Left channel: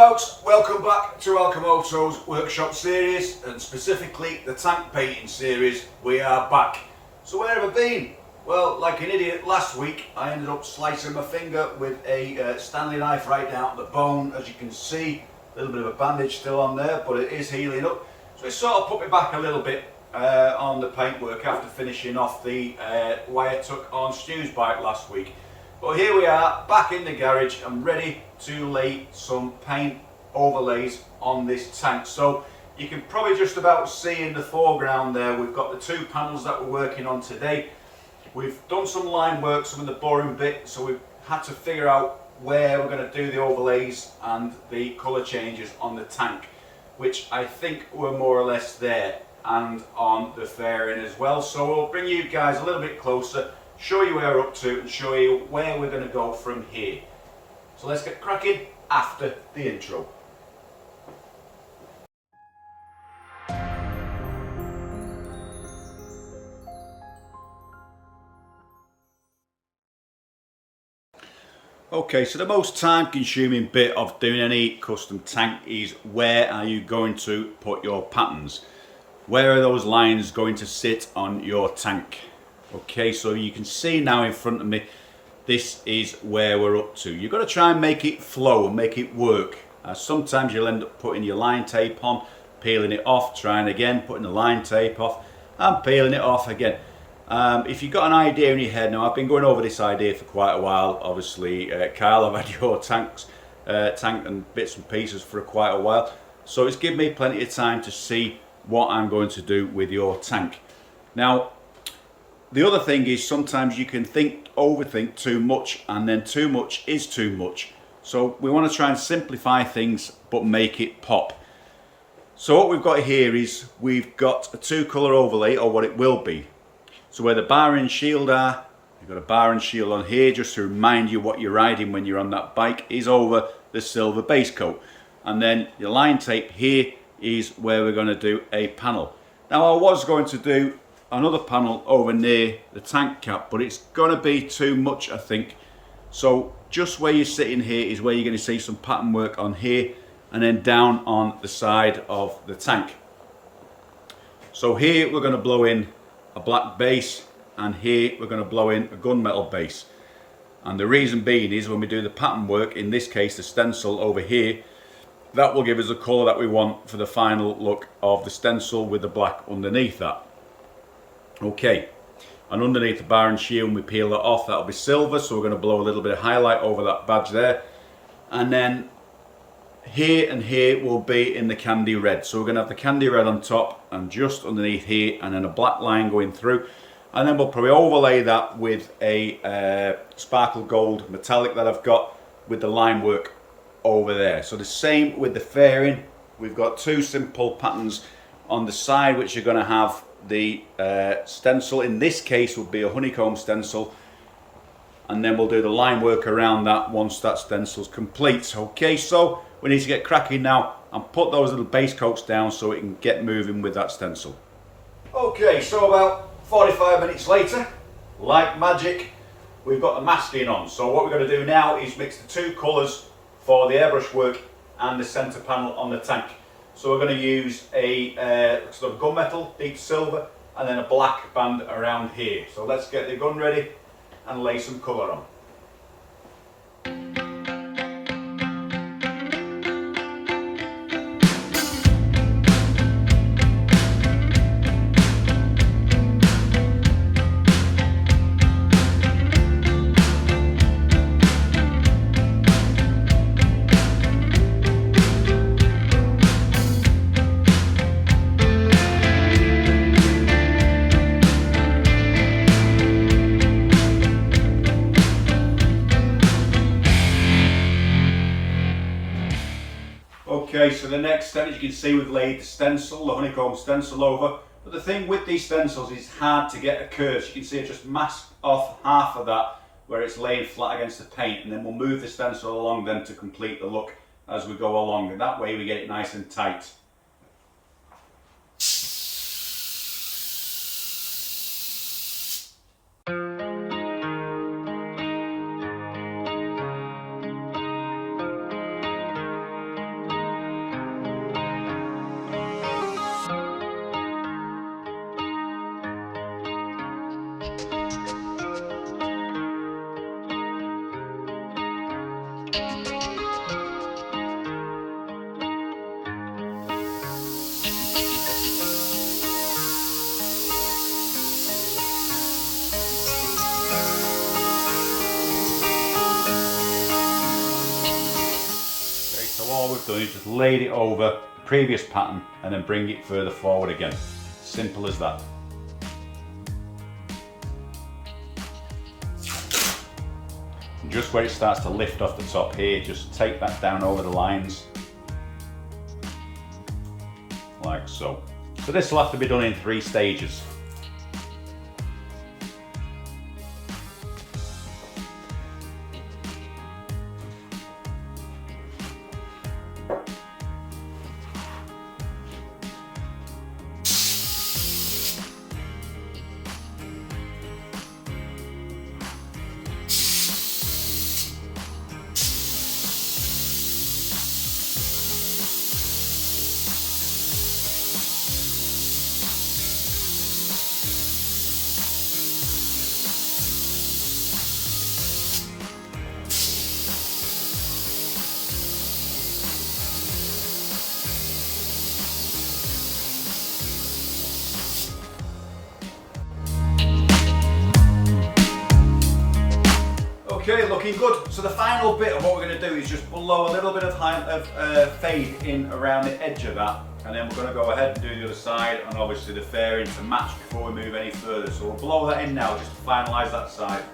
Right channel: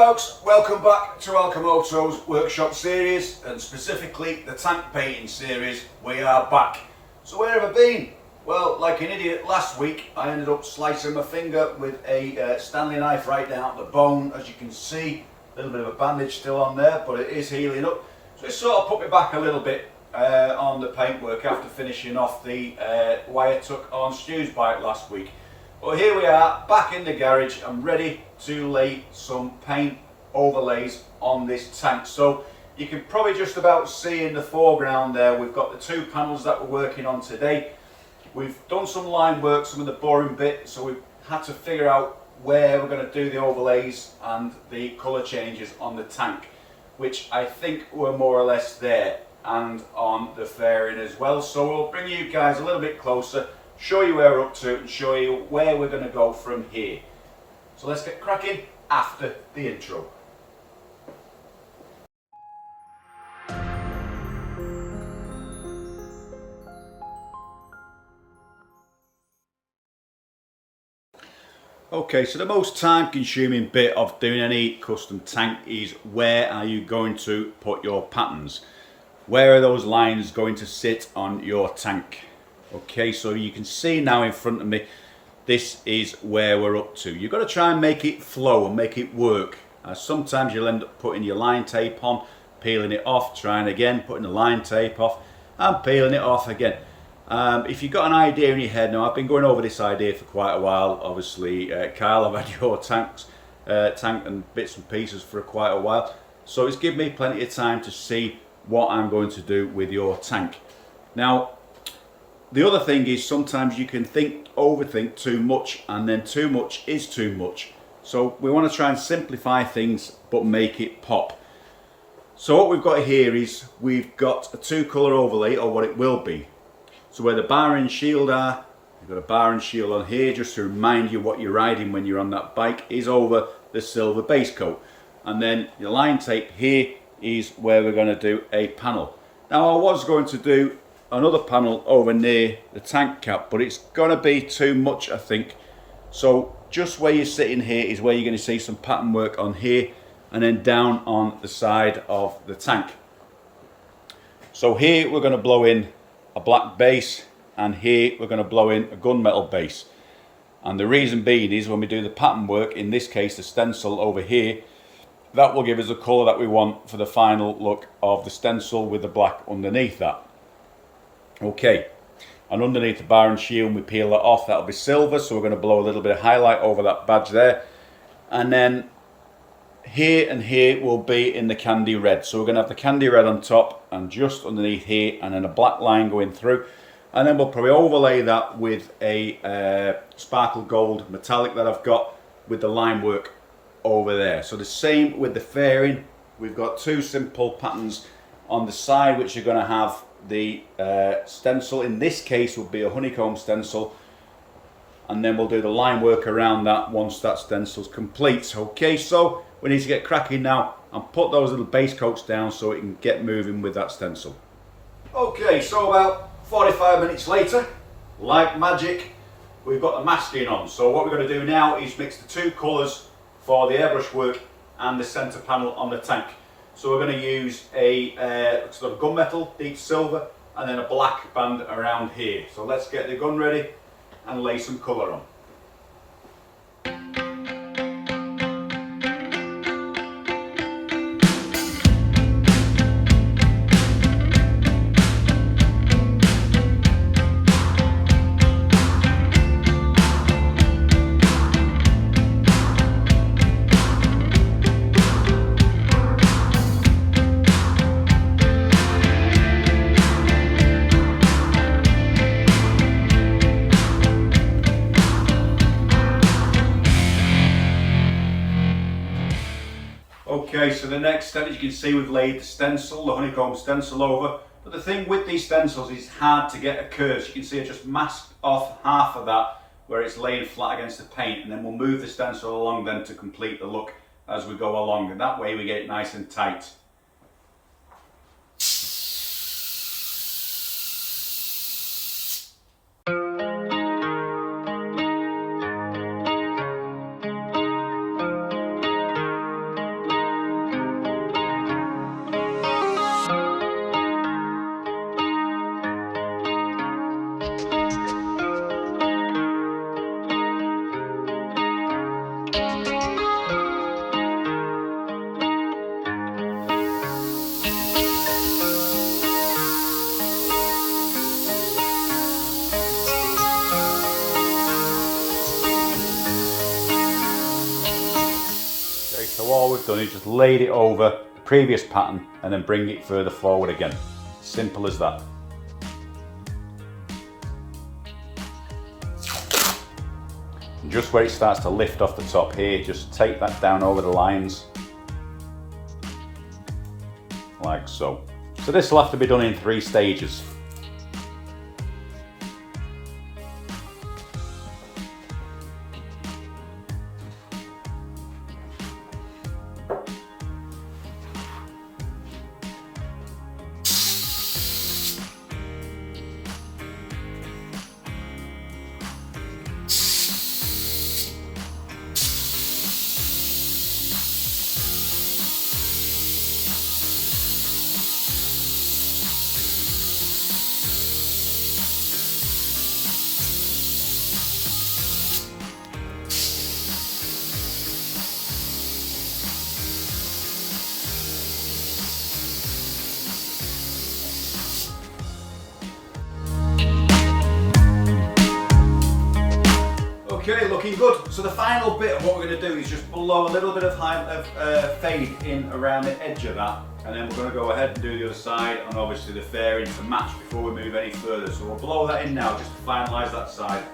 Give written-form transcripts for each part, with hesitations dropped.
folks, welcome back to ALCHEMOTO's workshop series, and specifically the tank painting series. We are back. So where have I been? Well, like an idiot last week, I ended up slicing my finger with a Stanley knife right down the bone. As you can see, a little bit of a bandage still on there, but it is healing up. So it sort of put me back a little bit on the paintwork after finishing off the wire tuck on Stu's bike last week. But here we are, back in the garage. I'm ready to lay some paint overlays on this tank. So you can probably just about see in the foreground there, we've got the two panels that we're working on today. We've done some line work, some of the boring bit, so we've had to figure out where we're going to do the overlays and the colour changes on the tank, which I think were more or less there, and on the fairing as well. So we'll bring you guys a little bit closer, show you where we're up to, and show you where we're going to go from here. So let's get cracking after the intro. Okay, so the most time consuming bit of doing any custom tank is where are you going to put your patterns? Where are those lines going to sit on your tank? Okay, so you can see now in front of me, this is where we're up to. You've got to try and make it flow and make it work. Sometimes you'll end up putting your line tape on, peeling it off, trying again, putting the line tape off and peeling it off again. If you've got an idea in your head, now I've been going over this idea for quite a while. Obviously, Kyle, I've had your tank and bits and pieces for quite a while. So it's given me plenty of time to see what I'm going to do with your tank. Now, the other thing is sometimes you can overthink too much, and then too much is too much. So we want to try and simplify things but make it pop. So what we've got here is we've got a two-colour overlay, or what it will be. So where the bar and shield are, you've got a bar and shield on here just to remind you what you're riding when you're on that bike is over the silver base coat. And then your line tape here is where we're going to do a panel. Now I was going to do another panel over near the tank cap, but it's going to be too much, I think. So just where you're sitting here is where you're going to see some pattern work on here, and then down on the side of the tank. So here we're going to blow in a black base, and here we're going to blow in a gunmetal base. And the reason being is when we do the pattern work, in this case the stencil over here, that will give us the colour that we want for the final look of the stencil with the black underneath that. Okay, and underneath the bar and shield, we peel that off, that'll be silver, so we're going to blow a little bit of highlight over that badge there. And then here and here will be in the candy red. So we're going to have the candy red on top and just underneath here, and then a black line going through. And then we'll probably overlay that with a sparkle gold metallic that I've got with the line work over there. So the same with the fairing. We've got two simple patterns on the side which are going to have the stencil. In this case will be a honeycomb stencil, and then we'll do the line work around that once that stencil's complete. Okay, so we need to get cracking now and put those little base coats down so we can get moving with that stencil. Okay, so about 45 minutes later, like magic, we've got the masking on. So what we're going to do now is mix the two colours for the airbrush work and the centre panel on the tank. So we're going to use a sort of gunmetal, deep silver, and then a black band around here. So let's get the gun ready and lay some colour on. Okay, so the next step, as you can see, we've laid the stencil, the honeycomb stencil over. But the thing with these stencils is hard to get a curve. So you can see I just masked off half of that where it's laying flat against the paint, and then we'll move the stencil along then to complete the look as we go along, and that way we get it nice and tight. then you just laid it over the previous pattern and then bring it further forward again. Simple as that. And just where it starts to lift off the top here, just take that down over the lines, like so. So this will have to be done in 3 stages. Okay, looking good. So the final bit of what we're going to do is just blow a little bit of fade in around the edge of that, and then we're going to go ahead and do the other side, and obviously the fairing to match before we move any further. So we'll blow that in now just to finalise that side.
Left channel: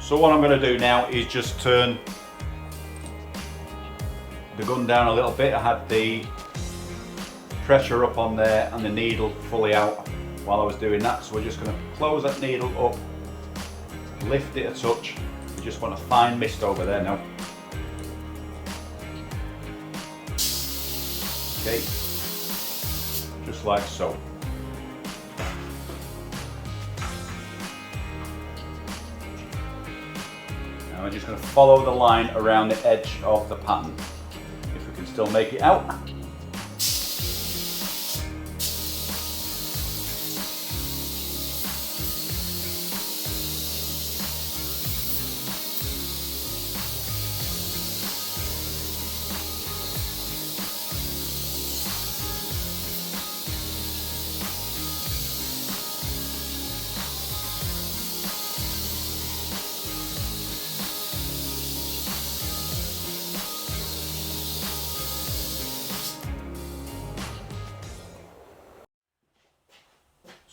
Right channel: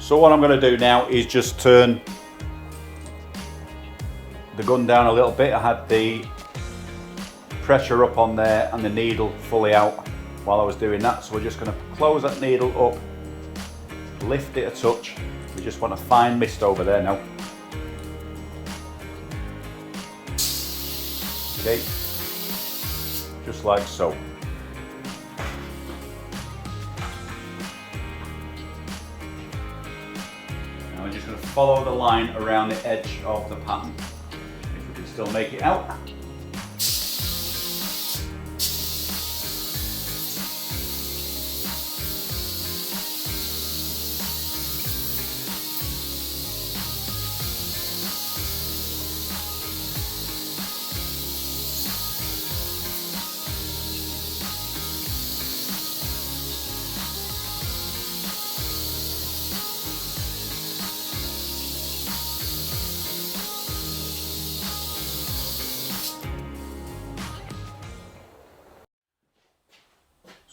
So what I'm going to do now is just turn the gun down a little bit. I had the pressure up on there and the needle fully out while I was doing that, so we're just going to close that needle up, lift it a touch. We just want a fine mist over there now. Okay, just like so. And we're just going to follow the line around the edge of the pattern. If we can still make it out.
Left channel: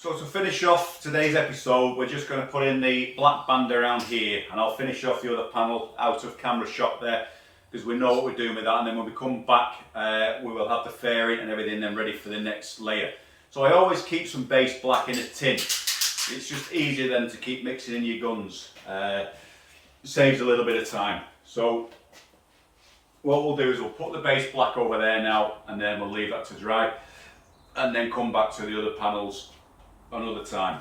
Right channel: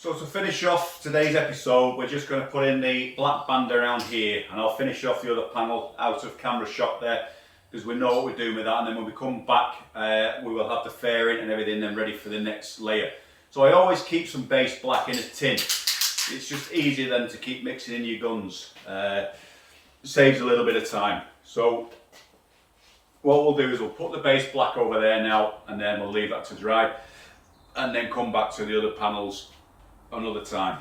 So to finish off today's episode, we're just going to put in the black band around here, and I'll finish off the other panel out of camera shot there, because we know what we're doing with that, and then when we come back we will have the fairing and everything then ready for the next layer. So I always keep some base black in a tin. It's just easier than to keep mixing in your guns. It saves a little bit of time. So what we'll do is we'll put the base black over there now, and then we'll leave that to dry, and then come back to the other panels another time.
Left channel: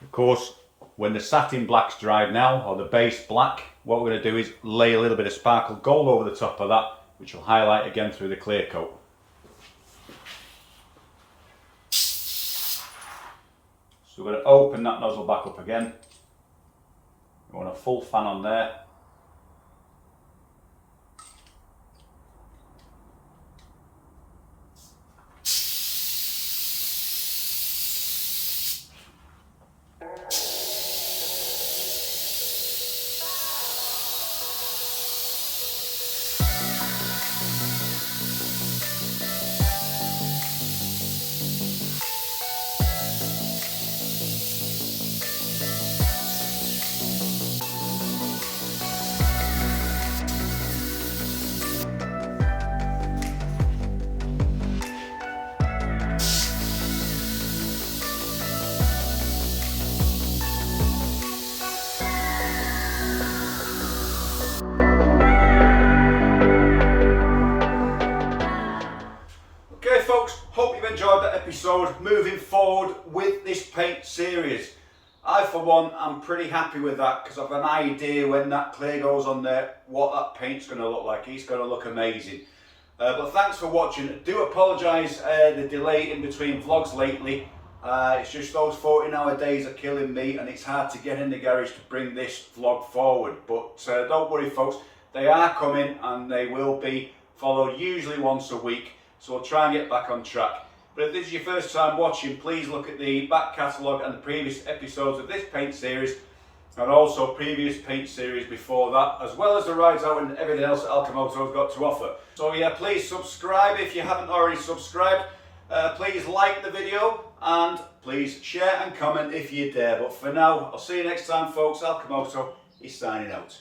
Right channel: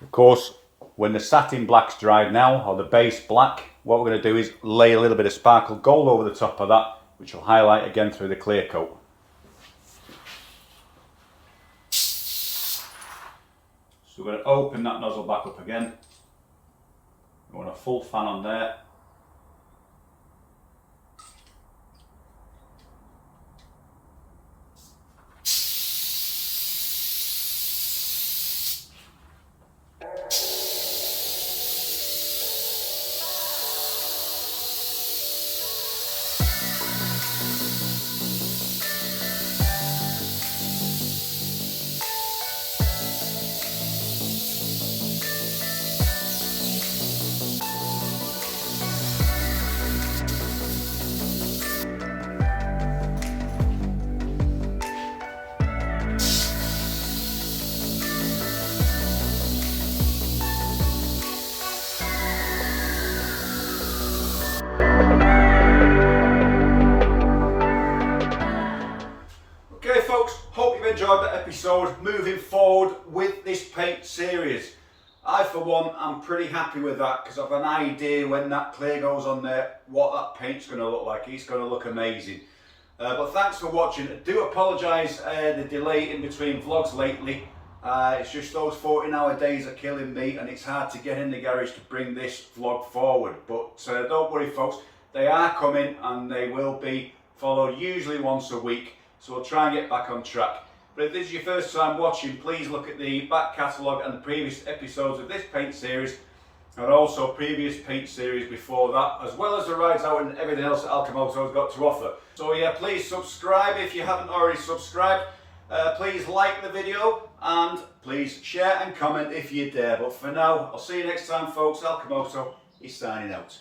Of course, when the satin black's dried now, or the base black, what we're going to do is lay a little bit of sparkle gold over the top of that, which will highlight again through the clear coat. So we're going to open that nozzle back up again. We want a full fan on there. enjoyed that episode. Moving forward with this paint series, I for one am pretty happy with that because I've an idea when that clay goes on there what that paint's going to look like. It's going to look amazing. But thanks for watching. I do apologise the delay in between vlogs lately. It's just those 14-hour days are killing me, and it's hard to get in the garage to bring this vlog forward. But don't worry folks, they are coming and they will be followed usually once a week. So we'll try and get back on track. But if this is your first time watching, please look at the back catalogue and the previous episodes of this paint series, and also previous paint series before that, as well as the rides out and everything else that ALCHEMOTO's got to offer. So yeah, please subscribe if you haven't already subscribed. Please like the video and please share and comment if you dare. But for now, I'll see you next time folks. ALCHEMOTO is signing out.